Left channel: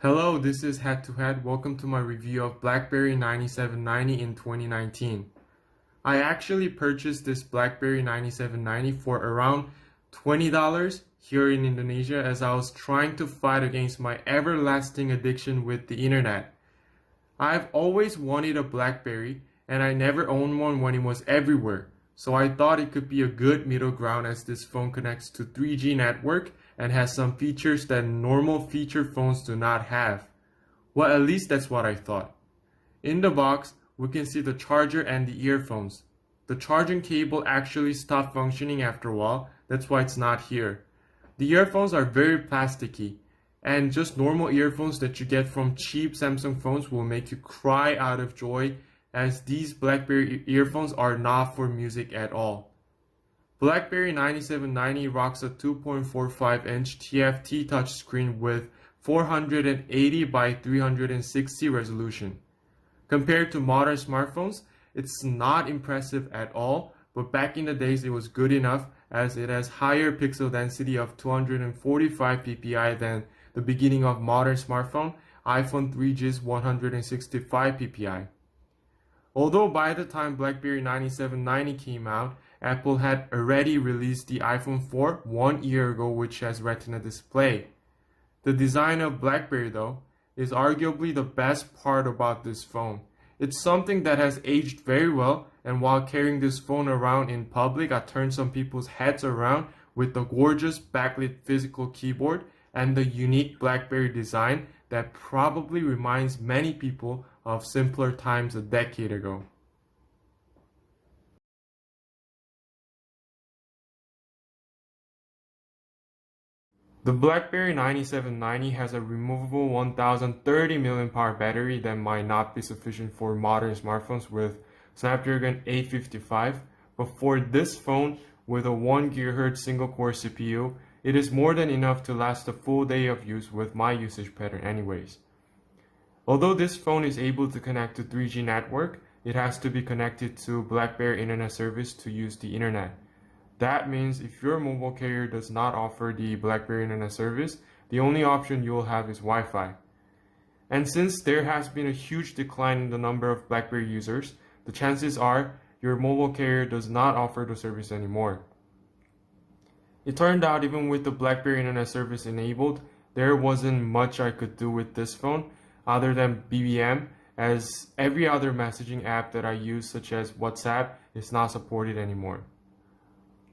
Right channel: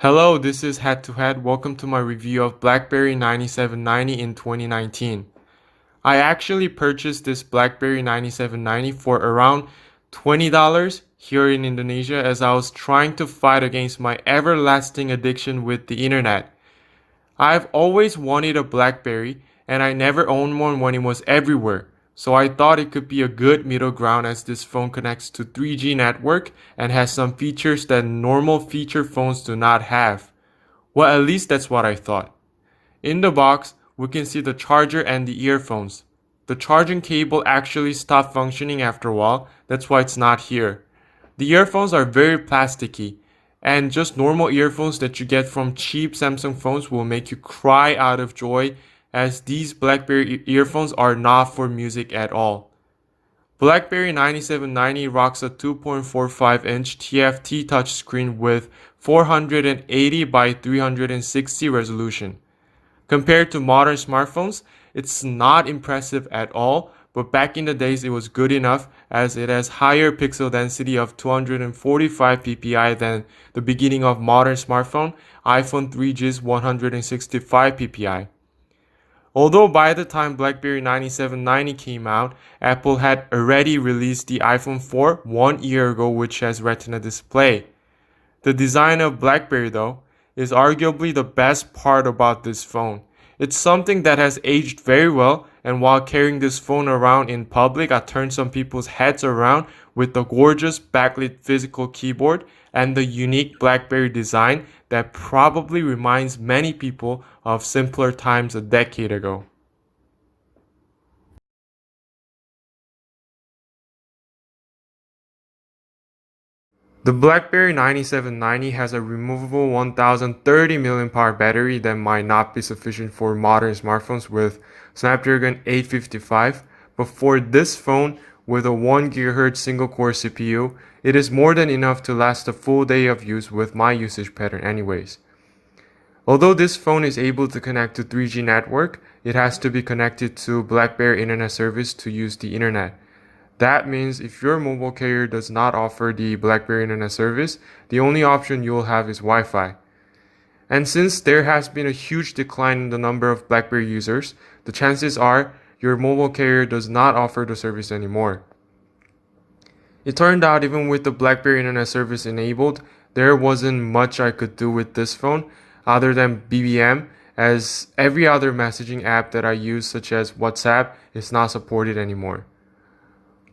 Hello, this is Head to Head. Welcome to my review of BlackBerry 9790 in 2019. I actually purchased this BlackBerry 9790 for around $20 here in Indonesia as I was trying to fight against my everlasting addiction with the internet. I've always wanted a BlackBerry and I never owned one when it was everywhere. So I thought it could be a good middle ground as this phone connects to 3G network and has some features that normal feature phones do not have. Well, at least that's what I thought. In the box, we can see the charger and the earphones. The charging cable actually stopped functioning after a while, that's why it's not here. The earphones are very plasticky, and just normal earphones that you get from cheap Samsung phones will make you cry out of joy, as these BlackBerry earphones are not for music at all. BlackBerry 9790 rocks a 2.45-inch TFT touchscreen with 480 by 360 resolution. Compared to modern smartphones, it's not impressive at all, but back in the days it was good enough as it has higher pixel density of 245 ppi than the beginning of modern smartphone, iPhone 3G's 165 ppi. Although by the time BlackBerry 9790 came out, Apple had already released the iPhone 4 1 year ago, which has Retina display. The design of BlackBerry, though, is arguably the best part about this phone. It's something that has aged very well, and while carrying this phone around in public, I turned some people's heads around with the gorgeous backlit physical keyboard and the unique BlackBerry design that probably reminds many people of simpler times a decade ago. The BlackBerry 9790 has a removable 1030 mAh battery that might not be sufficient for modern smartphones with Snapdragon 855, but for this phone with a 1 GHz single-core CPU, it is more than enough to last a full day of use with my usage pattern anyways. Although this phone is able to connect to 3G network, it has to be connected to BlackBerry Internet Service to use the internet. That means if your mobile carrier does not offer the BlackBerry Internet Service, the only option you'll have is Wi-Fi. And since there has been a huge decline in the number of BlackBerry users, the chances are your mobile carrier does not offer the service anymore. It turned out even with the BlackBerry Internet Service enabled, there wasn't much I could do with this phone other than BBM, as every other messaging app that I use such as WhatsApp is not supported anymore.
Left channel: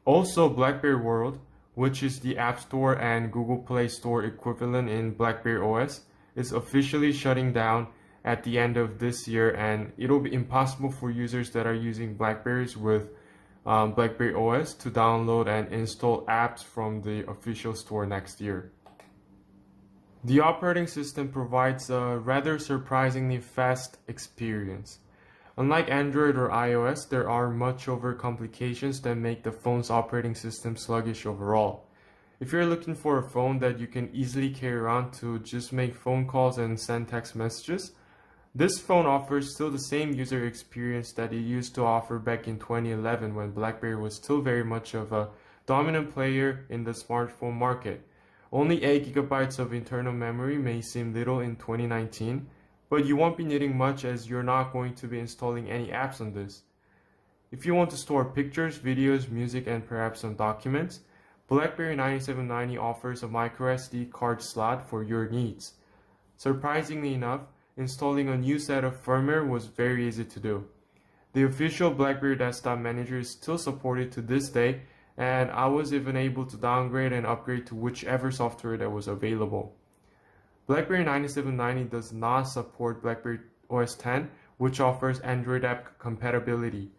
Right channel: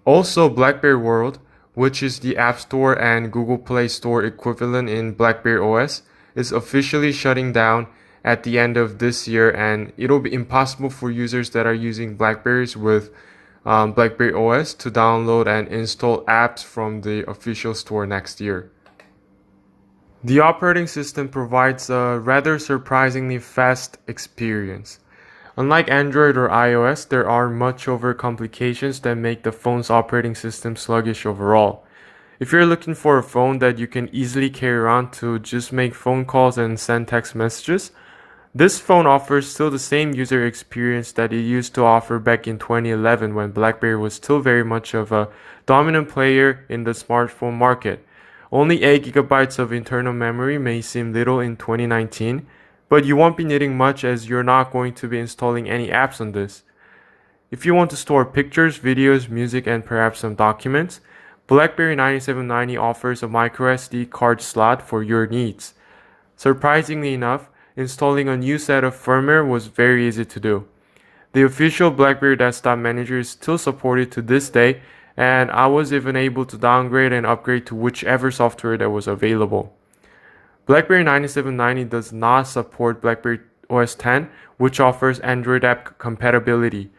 Also, BlackBerry World, which is the App Store and Google Play Store equivalent in BlackBerry OS, is officially shutting down at the end of this year, and it'll be impossible for users that are using Blackberries with BlackBerry OS to download and install apps from the official store next year. The operating system provides a rather surprisingly fast experience. Unlike Android or iOS, there are much over complications that make the phone's operating system sluggish overall. If you're looking for a phone that you can easily carry around to just make phone calls and send text messages, this phone offers still the same user experience that it used to offer back in 2011 when BlackBerry was still very much of a dominant player in the smartphone market. Only 8 gigabytes of internal memory may seem little in 2019, but you won't be needing much as you're not going to be installing any apps on this. If you want to store pictures, videos, music, and perhaps some documents, BlackBerry 9790 offers a microSD card slot for your needs. Surprisingly enough, installing a new set of firmware was very easy to do. The official BlackBerry Desktop Manager is still supported to this day, and I was even able to downgrade and upgrade to whichever software that was available. BlackBerry 9790 does not support BlackBerry OS X, which offers Android app compatibility,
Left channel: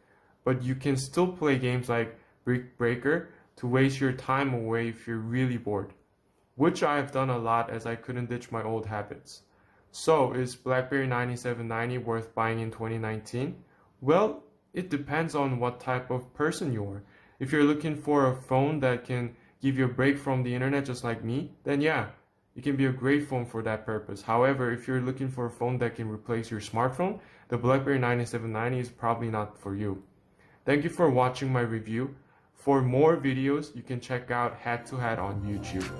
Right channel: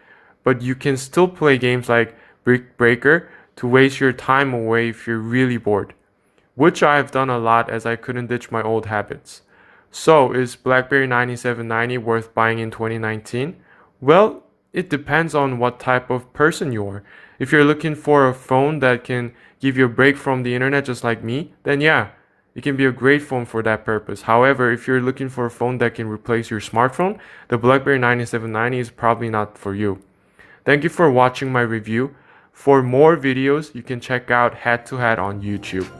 but you can still play games like Brick Breaker to waste your time away if you're really bored, which I have done a lot as I couldn't ditch my old habits. So, is BlackBerry 9790 worth buying in 2019? Well, it depends on what type of person you are. If you're looking for a phone that can give you a break from the internet just like me, then yeah, it can be a great phone for that purpose. However, if you're looking for a phone that can replace your smartphone, the BlackBerry 9790 is probably not for you. Thank you for watching my review. For more videos, you can check out Head to Head on YouTube.